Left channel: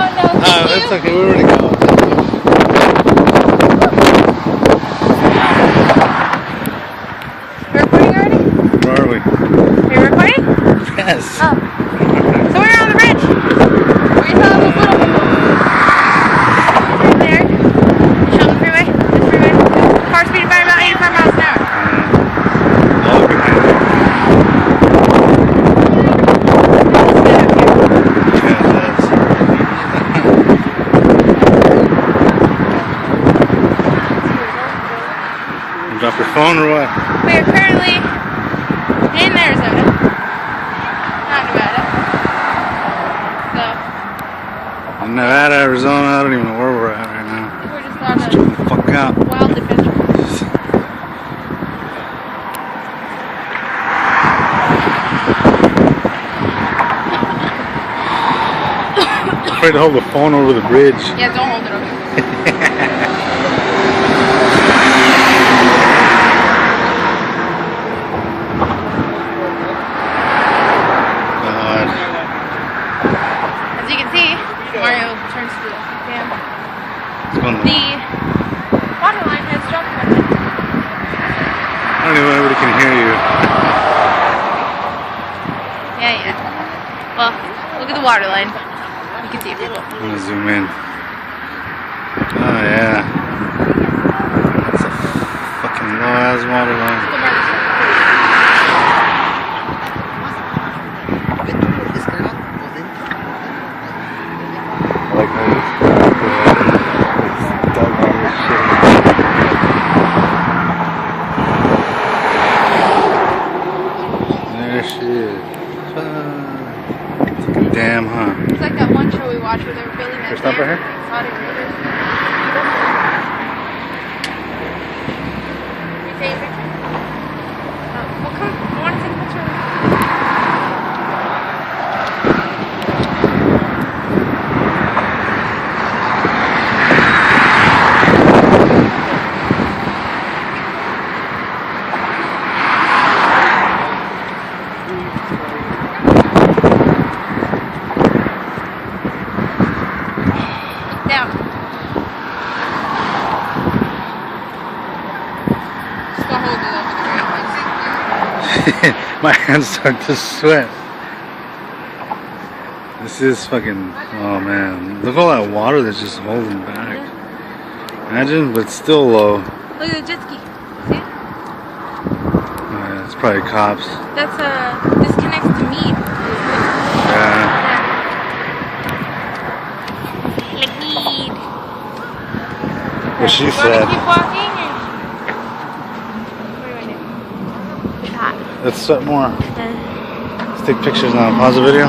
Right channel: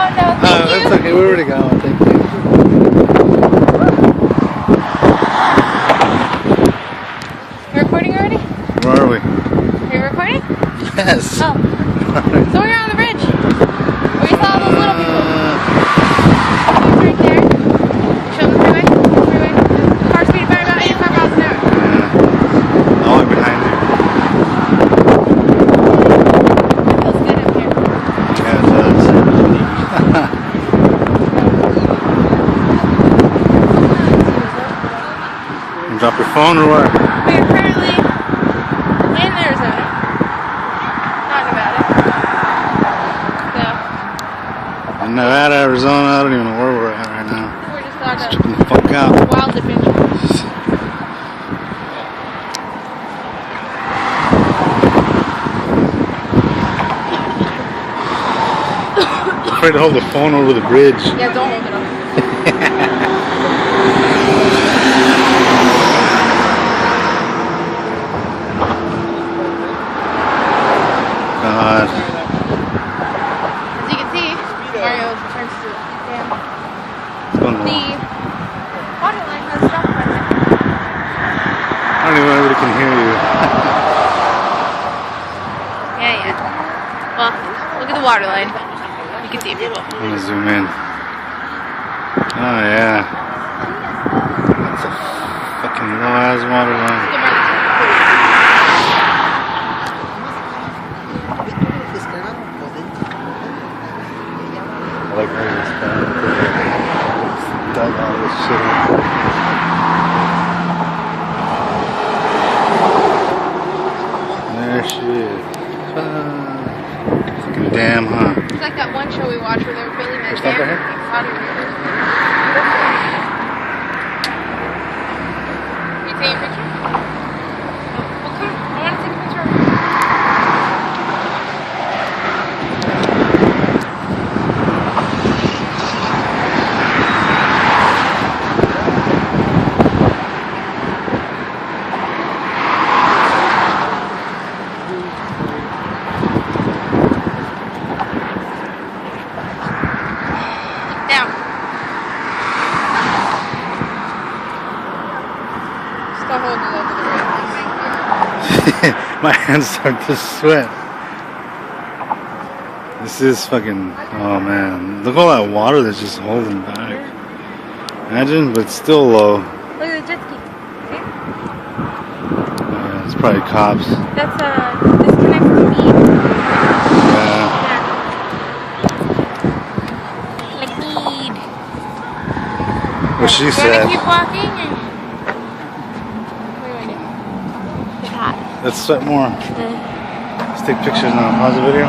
That's okay. We're ready to go. We're recording already? Where are we? We're recording? Yes. Oh. So we're on the bridge. We saw those little people. There. Show them the freeway. Car speed by about 85 miles an hour. All behind there. Yeah, it does. You drop your phone or what? We are currently in Arizona. Not Nevada. So. In Nevada, Arizona, I don't even know where we're at right now. We're just Just on chilling the fuck out. a wild adventure. I'm afraid to hold the phone over the bridge. Yeah, don't hold it over. As you can see, Mario turns to the dam. What's going on? The water line has stopped. I don't even know anybody can hear you. Yeah. Well, look at the water line. You can see people. I'm gonna zoom in. Oh yeah. That's a fucking low ass water line. I like how it's dug all this shit. There she is. Fucking dam, huh? It's like that one show we watched where they were building that. Here, stop right here. Can we take a picture? Well, come. I want to take a picture. Down. Still hold it over the rail. My hands start to sweat. This is fucking, oh man. Look at all that water that's just holding back. Imagine, but it's still low. Look at the jet ski. See? Oh, yeah, it's probably cops. That's this connects to me. Yeah. Like need. What she Do you said. want to keep walking? What do I do? It's hot. Let's sweat more. Let's take pictures now. Pause the video.